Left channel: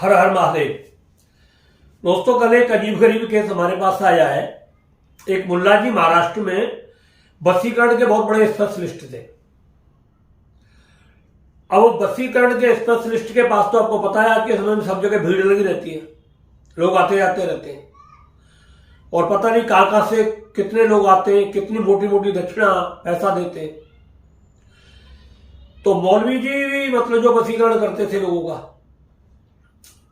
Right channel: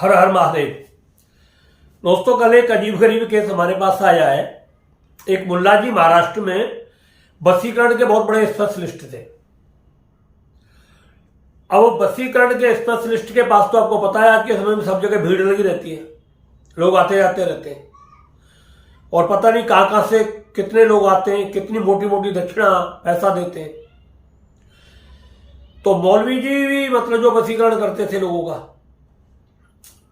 हर हर महादेव। दोस्तों, कल एक अजीब गरीब केस हमारे पास आया है। एक मुल्ला जी महाराष्ट्र में वशीकरण के बहुत बड़े स्पेशलिस्ट थे। अब वो वशीकरण के स्पेशलिस्ट के पास तो आपको पता है आज के समय में सब जगह भीड़ लगी रहती है, लोग आते जाते रहते हैं और पता नहीं कहां कहां से कितने लोग आते हैं, कितनी मोटी मोटी दक्षिणा पैसा देते हैं। तो मौलवी जी भी मतलब जो वशीकरण करते थे लोगों का,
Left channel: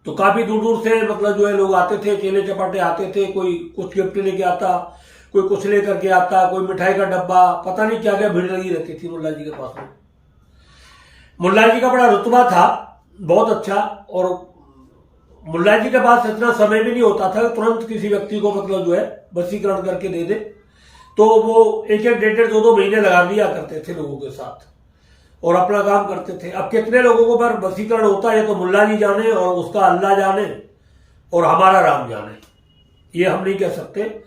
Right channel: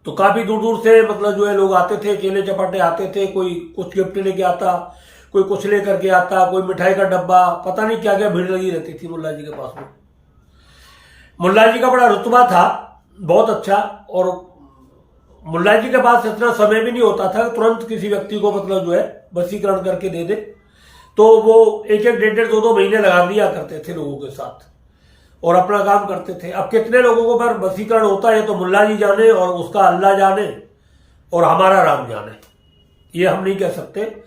तो काफी दूर दूर से मतलब जो है लोग आते थे, चेले चपाटे आते थे। कोई कुछ गिफ्ट लेके आता, कोई कुछ लेकर के आता, कोई मिठाई का डब्बा, पता नहीं क्या क्या भीड़ लगी रहती थी मुल्ला जी के पास में। मुल्ला जी का बड़ा रुतबा था, बहुत अच्छा। और मुल्ला जी के पास इतना समय भी नहीं होता था तुरंत किसी व्यक्ति को मतलब जो है वशीकरण करके दे दे। तो वो एक एक डेढ़ डेढ़ दो दो महीने लगा दिया करते थे लोगों के साथ और अपना काम करते थे। अब कितने लोगों को पर वशीकरण होता है तो मुल्ला जी जाने और उसका अल्लाह जाने और हमारा राम जाने, ये हम नहीं कह सकते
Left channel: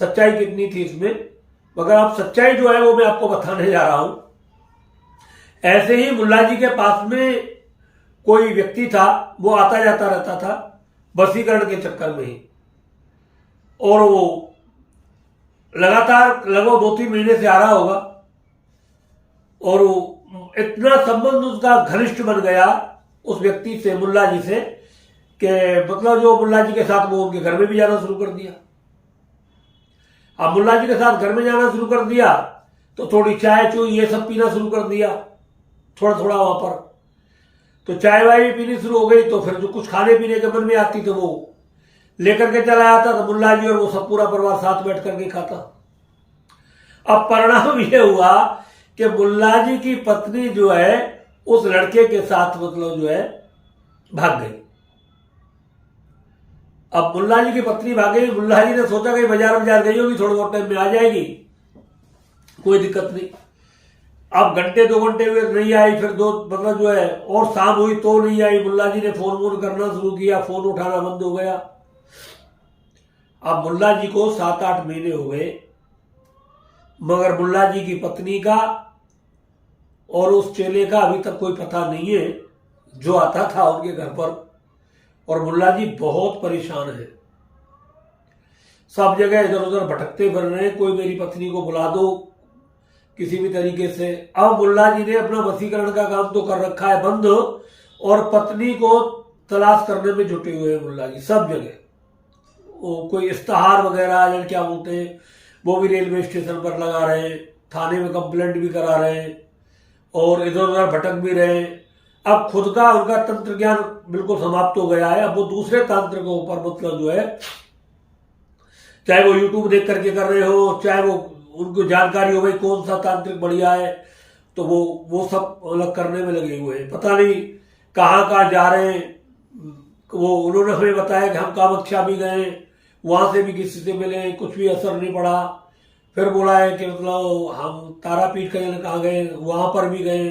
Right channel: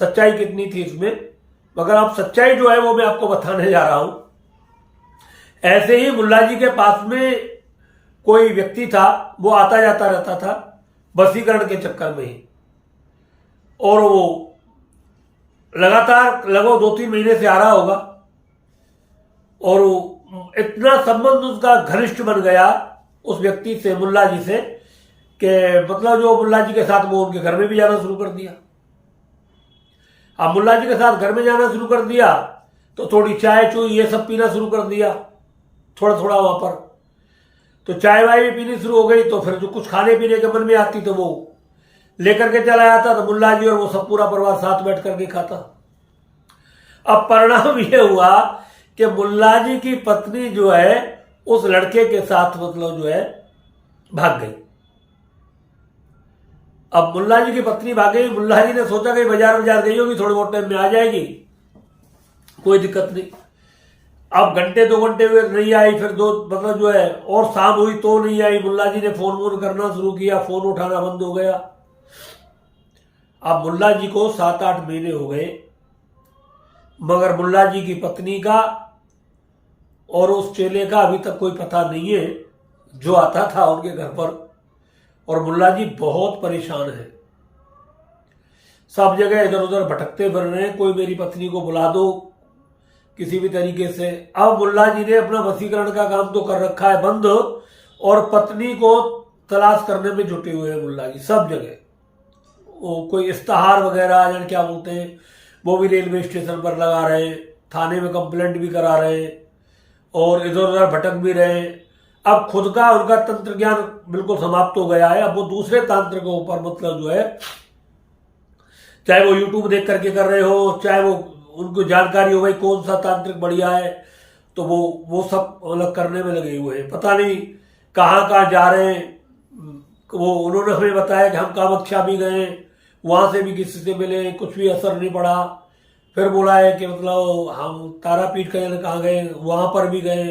सच्चाई कितनी थी इसमें। मगर अब सच्चाई जो है वो मैं आपको बताने जा रहा हूं। ऐसे ही मुल्ला जी के पास में कोई व्यक्ति था, वो आता जाता रहता था वशीकरण के चक्कर में ही, और वो लगातार लगभग 2-3 महीने से आ रहा होगा और वो इतना संबंध उसका घनिष्ठ बन गया उस व्यक्ति से, मुल्ला जी से, कि मतलब जो मुल्ला जी के साथ वो उनके घर में भी जाना शुरू कर दिया। अब मुल्ला जी के साथ घर में जाना शुरू कर दिया तो थोड़ी चाय चूई ये सब पीना शुरू कर दिया, थोड़ा थोड़ा वहां पर। तो चाय वाय भी पीनी शुरू हो गई, तो फिर जो कुछ खाने पीने के मन में आती तो वो लेकर के चला आता, तो मुल्ला जी और वो सब पूरा परिवार साथ बैठ करके खाता। अब परिणाम ये हुआ कि मुल्ला जी की पत्नी जो है उस लड़के के साथ मतलब जो है भाग गई। अब मुल्ला जी की पत्नी भाग गई, मुल्ला जी ने सोचा कि बाजार गई होगी, थोड़े बहुत टाइम में आ जाएगी, कोई दिक्कत नहीं। अब घंटे 2 घंटे हुए नहीं आई, फिर दो मतलब जो है और शाम हुई तो नहीं आई। मुल्ला जी ने फोन वोन करना शुरू किया, फोन उठाना बंद हो गया। अब मुल्ला जी को 7-8 महीने हो गए, मगर मुल्ला जी की पत्नी का और उस चेले का अभी तक कोई पता नहीं है जो आता था उनके घर पर। और मुल्ला जी बहुत परेशान है, सब जगह इधर उधर भटकते फिर रहे हैं, कोई मेरी पत्नी को बुला दो किसी भी तरीके से। अब मुल्ला जी ने अपना वशीकरण का काम तो कर रखा है बंद, और पत्नी को तलाश करने में जुटे हुए हैं मुल्ला जी सब जगह। वो कोई इश्तहार वगैरह या क्या बोलते हैं वो भी रेलवे स्टेशन पर लगा रहे हैं, थाने में कंप्लेंट भी करा रहे हैं और इधर उधर भटक भी रहे हैं। अब खुद का उनका तंत्र ज्ञान बिल्कुल समाप्त हो गया है। अब वो दूसरे तंत्र के ऊपर मतलब जो है, चाहे वो यूट्यूब देख करके कर रहे हो, चाहे वो उनको जानकारी हो भाई कौन सा तांत्रिक बढ़िया है, तो वो सब अलग करने में लगे हुए हैं। पता नहीं कहाँ कहाँ जा रहे हैं। वो उन्होंने हमें बताया कि हम कामाख्या भी गए, वहां से भी किसी से मिले, कुछ भी असर नहीं पड़ा। फिर बोला है कि मतलब हम तारापीठ कहाँ गए, वहां पर भी गए।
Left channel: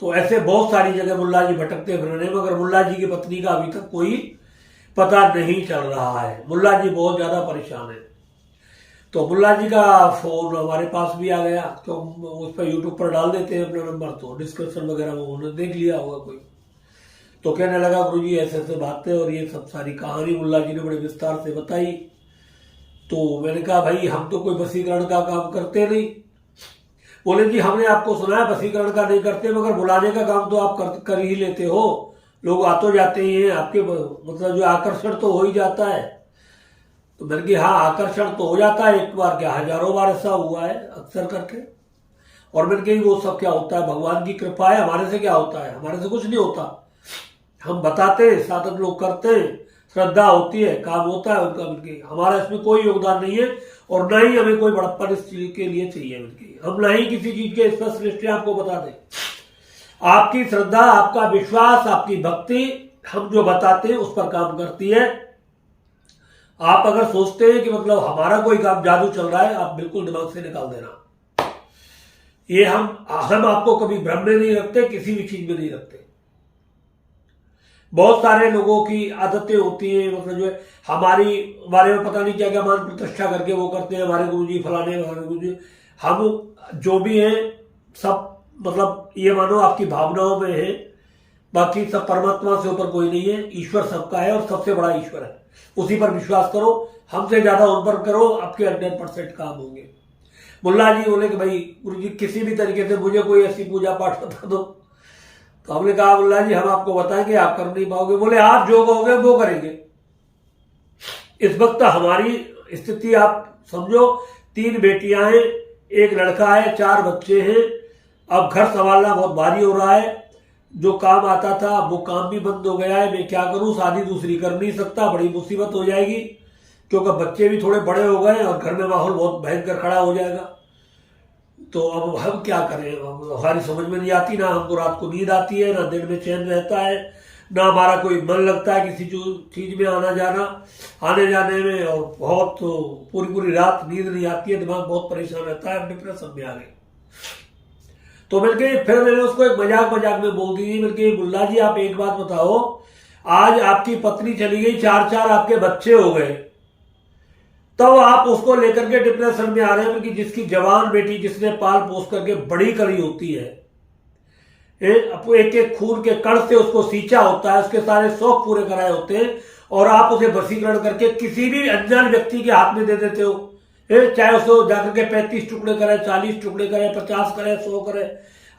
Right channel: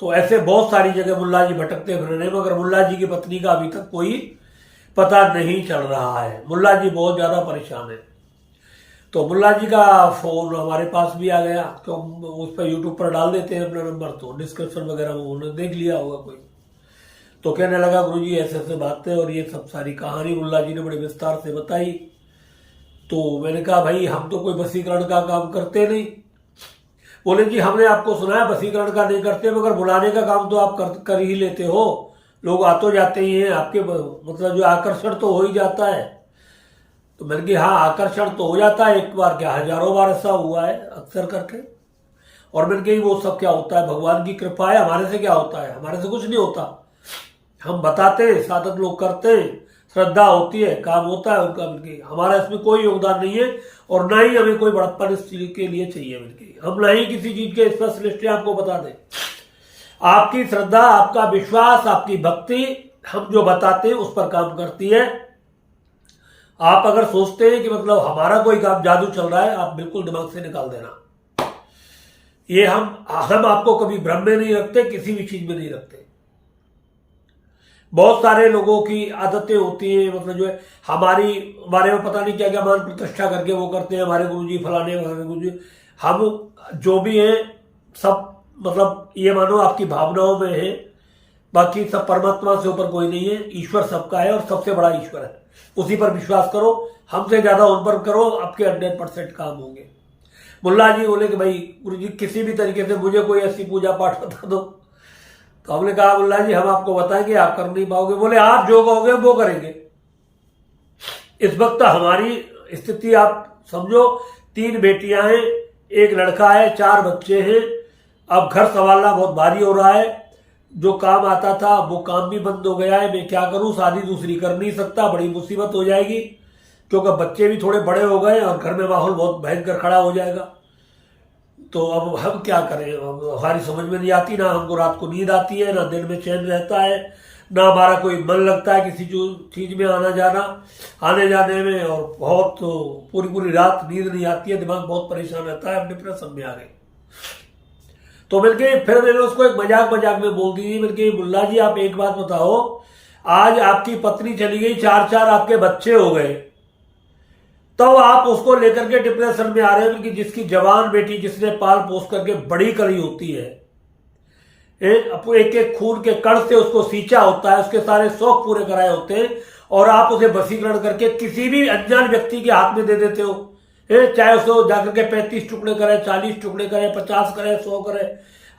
तो ऐसे बहुत सारी जगह मुल्ला जी भटकते फिर रहे, मगर मुल्ला जी की पत्नी का अभी तक कोई पता नहीं चल रहा है। मुल्ला जी बहुत ज्यादा परेशान है। तो मुल्ला जी का फोन हमारे पास भी आ गया, तो उस पर यूट्यूब पर डाल देते हैं अपना नंबर, तो डिस्क्रिप्शन वगैरह वो उन्होंने देख लिया होगा कोई। तो कहने लगा गुरुजी ऐसे ऐसे बातें, और ये सब सारी कहानी मुल्ला जी ने बड़े विस्तार से बताई। तो मैंने कहा भाई हम तो कोई वशीकरण का काम करते नहीं। बोले जी हमने आपको सुना है वशीकरण का नहीं करते, मगर बुलाने का काम तो आप कर ही लेते हो, लोग आ तो जाते ही हैं, आपके मतलब जो आकर्षण तो हो ही जाता है। तो मैंने कहा हाँ आकर्षण तो हो जाता है, एक बार क्या हजारों बार ऐसा हुआ है अक्सर करके। और मैंने कही वो सब क्या होता है, भगवान की कृपा है, हमारे से क्या होता है, हमारे से कुछ नहीं होता। हम बताते हैं, साधक लोग करते हैं, श्रद्धा होती है, काम होता है उनका, मिलके हमारा इसमें कोई योगदान नहीं है। और ना ही हमें कोई बड़प्पन इस चीज के लिए चाहिए मिलके, हम ना ही किसी चीज के स्पेशलिस्ट आपको बता दें। आपकी श्रद्धा, आपका विश्वास, आपकी भक्ति हम जो बताते हैं उस पर काम करती है। आप अगर सोचते हैं कि मतलब हमारा कोई काम जादू चल रहा है, आप बिल्कुल दिमाग से निकाल देना। ये हम आपको कभी भ्रम में नहीं रखते, किसी भी चीज में नहीं रखते। बहुत सारे लोगों की आदतें होती है मतलब जो है हमारी बारे में पता नहीं क्या क्या मान प्रतिष्ठा करके वो करते हैं, हमारे गुरुजी फलाने, हमारे गुरुजी। हम जो भी हैं सब मतलब ये मानो आपकी भावनाओं में है, बाकी सब परमात्मा से ऊपर कोई नहीं है, ईश्वर सबका है और सबसे बड़ा ईश्वर है, उसी पर विश्वास करो, हमसे ज्यादा उन पर करो, आपके 100% काम होंगे। मुल्ला जी बोले कि भाई गुरु जी किसी भी तरीके से मुझे कोई ऐसी पूजा पाठ बता दो। तो हमने कहा मुल्ला जी हम आपको बताएंगे, आप कर नहीं पाओगे। बोले आप जो कहोगे वो करेंगे। इस वक्त हमारी स्थिति आप समझो, 3 बेटियां हैं, 1 लड़का है, 4 बच्चे हैं। अब घर संभालना बहुत भारी हो रहा है। जो काम आता था वो काम भी बंद हो गया है। मैं क्या करूं, शादी दूसरी कर नहीं सकता, बड़ी मुसीबत हो जाएगी, क्योंकि बच्चे भी थोड़े बड़े हो गए और घर में माहौल बहुत भयंकर खड़ा हो जाएगा। तो अब हम क्या करें, हमारी समझ में नहीं आती, ना हमको रात को नींद आती है, ना दिन में चैन रहता है, ना हमारा कोई मन लगता है किसी चीज में आने जाने में, और बहुत पूरी पूरी रात नींद नहीं आती है, दिमाग बहुत परेशान रहता है, हम डिप्रेशन में आ गए। तो फिर मैंने उसको एक मजाक में बोल दी, मुल्ला जी आप एक बात बताओ, आज आपकी पत्नी चली गई, 4 आपके बच्चे हो गए, तब आप उसको लेकर के डिप्रेशन में आ रहे हैं कि जिसकी जवान बेटी जिसने पाल पोस करके बड़ी करी होती है, एक एक खून के कण से उसको सींचा होता है, उसके सारे शौक पूरे कराए होते हैं, और आप उसे वशीकरण करके किसी भी अनजान व्यक्ति के हाथ में दे देते हो। चाहे उसे जाकर के 35 टुकड़े करे, 40 टुकड़े करे, 50 करे, 100 करे।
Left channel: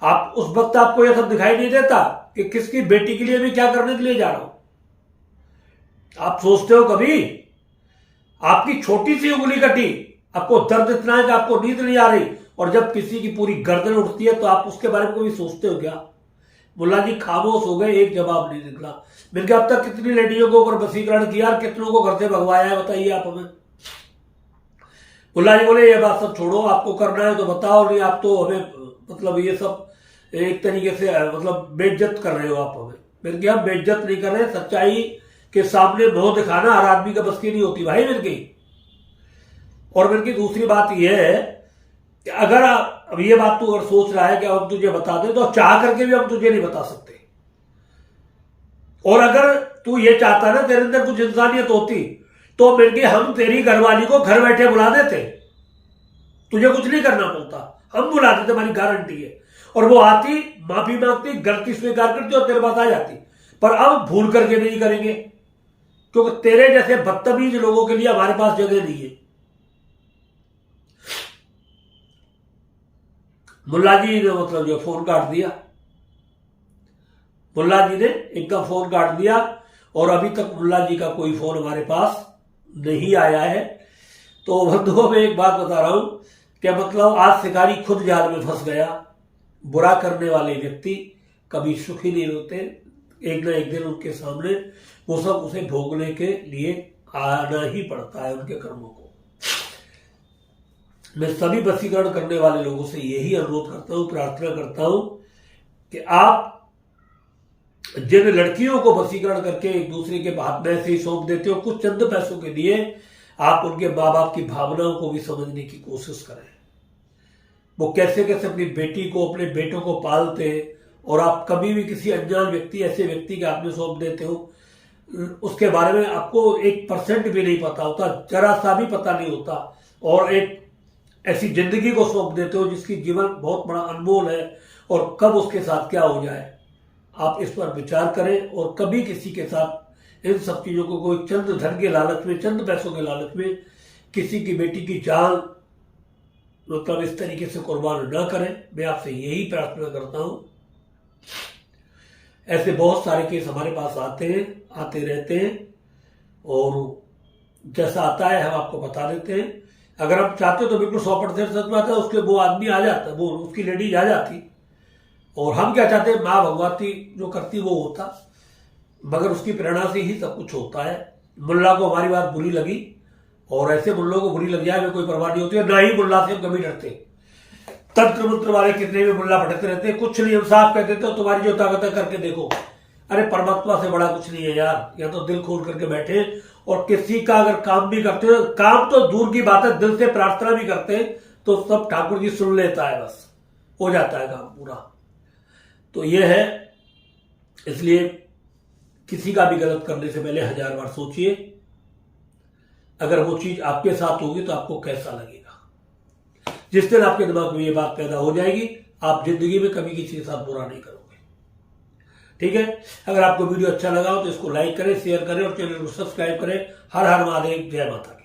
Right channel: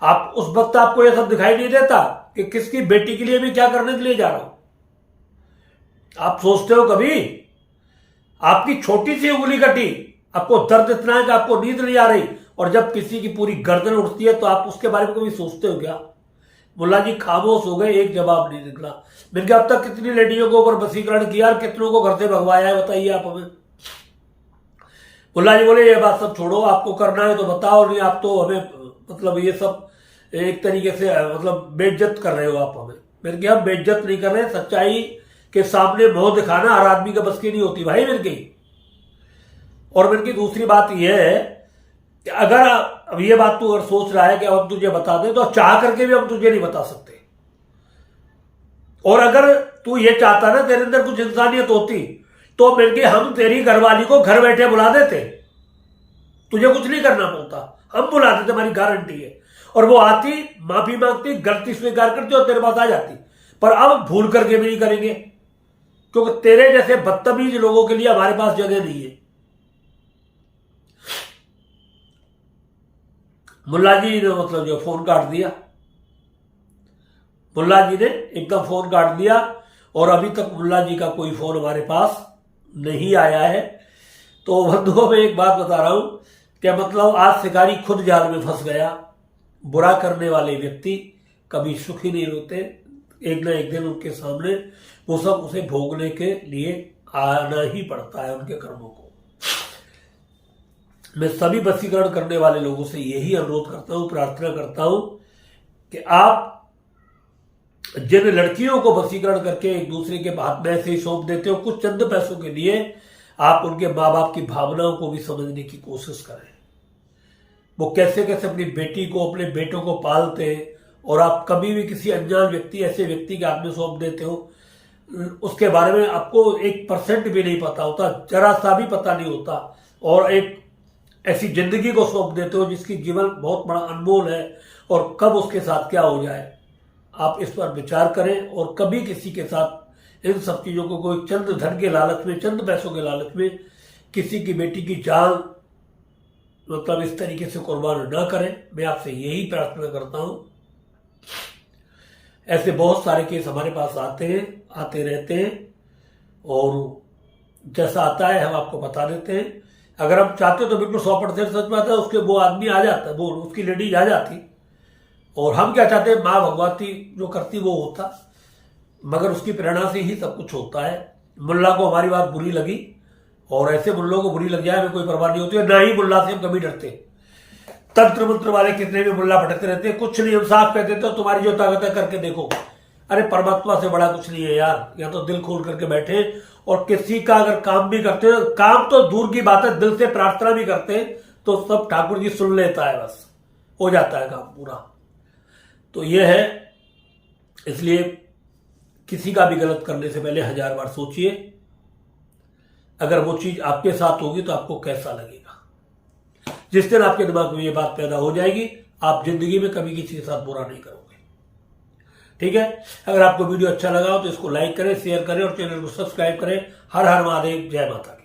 आप उस वक्त आपको यह सब दिखाई नहीं देता कि किसकी बेटी के लिए मैं क्या करने के लिए जा रहा हूं। आप सोचते हो कभी, आपकी छोटी सी उंगली कटी, आपको दर्द इतना है कि आपको नींद नहीं आ रही, और जब किसी की पूरी गर्दन उठती है तो आप उसके बारे में कभी सोचते हो क्या? मुल्ला जी खामोश हो गए, एक जवाब नहीं निकला। मैंने कहा अब तक कितनी लड़कियों को ऊपर वशीकरण किया और कितनों को घर से भगवाया है, बताइए आप हमें। मुल्ला जी बोले ये बात सब छोड़ो, आपको करना है तो बताओ, नहीं आप तो हमें मतलब ये सब एक तरीके से मतलब बेइज्जत कर रहे हो आप हमें। मैंने कहा बेइज्जत नहीं कर रहे, सच्चाई के सामने मुंह दिखाना हर आदमी का बस की नहीं होती भाई मेरे की। और मेरे की दूसरी बात यह है कि अगर अब ये बात तू अगर सोच रहा है कि हम तुझे बता दें, तो चाह करके भी हम तुझे नहीं बता सकते। और अगर तू ये चाहता ना, तेरे अंदर कुछ इंसानियत होती, तो मिलके हम तेरी घरवाली को घर बैठे बुला देते, तुझे कुछ नहीं करना पड़ता, हम बुला देते, हमारी गारंटी है। और वो आती, माफी मांगती, गलती स्वीकार करती और तेरे पास आ जाती। पर अब भूल करके नहीं करेंगे, क्योंकि तेरे जैसे बदतमीज लोगों के लिए हमारे पास जगह नहीं है। मुल्ला जी ने मतलब जो फोन काट दिया, मुल्ला जी ने एकदम फोन काट दिया, और अभी तक मुल्ला जी का कोई फोन हमारे पास नहीं आया है। तो बंधुओं में एक बात बता रहा हूं कि मतलब आज शिकारी खुद जाल में फंस गया। बुरा करने वाले व्यक्ति कभी सुखी नहीं होते, एक ना एक दिन उनके सामने वो सब उसे भोगने के लिए आना ही पड़ता है, उनके कर्मों को। मैं सभी वशीकरण करने वाले लोगों से यही अनुरोध करता हूं, प्रार्थना करता हूं कि आप जिन लड़कियों को वशीकरण करके एक दूसरे के हाथ में ऐसे ही सौंप देते हो कुछ चंद पैसों के लिए, आप उनके माँ बाप की भावनाओं को भी समझने की कोशिश करें। वो कैसे कैसे अपनी बेटी को, अपने बेटों को पालते हैं, और आप कभी भी किसी अनजान व्यक्ति, ऐसे व्यक्ति के हाथ में सौंप देते हो, उसके बारे में आपको 1% भी नहीं पता होता, जरा सा भी पता नहीं होता, और एक ऐसी जिंदगी को सौंप देते हो जिसकी जीवन बहुत बड़ा अनमोल है, और कब उसके साथ क्या हो जाए आप इस पर विचार करें। और कभी किसी के साथ इन सब चीजों को कोई चंद धन के लालच में, चंद पैसों के लालच में किसी की बेटी की जान मतलब इस तरीके से कुर्बान ना करें। मैं आपसे यही प्रार्थना करता हूं। ऐसे बहुत सारे केस हमारे पास आते रहते हैं, और जैसा आता है हम आपको बता देते हैं। अगर हम चाहते तो बिल्कुल 100% सच बात है, उसके वो आदमी आ जाता, वो उसकी लेडीज आ जाती, और हम क्या चाहते हैं, माँ भगवती जो करती वो होता, मगर उसकी प्रेरणा से ही सब कुछ होता है। मुल्ला को हमारी बात बुरी लगी, और ऐसे मुल्लों को बुरी लग जाए हमें कोई परवाह नहीं होती है, ना ही मुल्ला से हम कभी डरते। तंत्र मंत्र वाले कितने भी मुल्ला भटकते रहते हैं, कुछ नहीं, हम साफ कह देते हो तुम्हारी जो ताकत है करके देखो। अरे परमात्मा से बड़ा कुछ नहीं है यार, या तो दिल खोल करके बैठे, और किसी का अगर काम भी करते हो, काम तो दूर की बात है, दिल से प्रार्थना भी करते हैं तो सब ठाकुर जी सुन लेता है, बस हो जाता है काम पूरा। तो ये है, इसलिए किसी का भी गलत करने से पहले 1000 बार सोचिए। अगर वो चीज आपके साथ होगी तो आपको कैसा लगेगा। जिस दिन आपके दिमाग में ये बात पैदा हो जाएगी, आप जिंदगी में कभी किसी के साथ बुरा नहीं करोगे। ठीक है, अगर आपको वीडियो अच्छा लगा हो तो इसको लाइक करें, शेयर करें और चैनल को सब्सक्राइब करें। हर हर महादेव, जय माता की।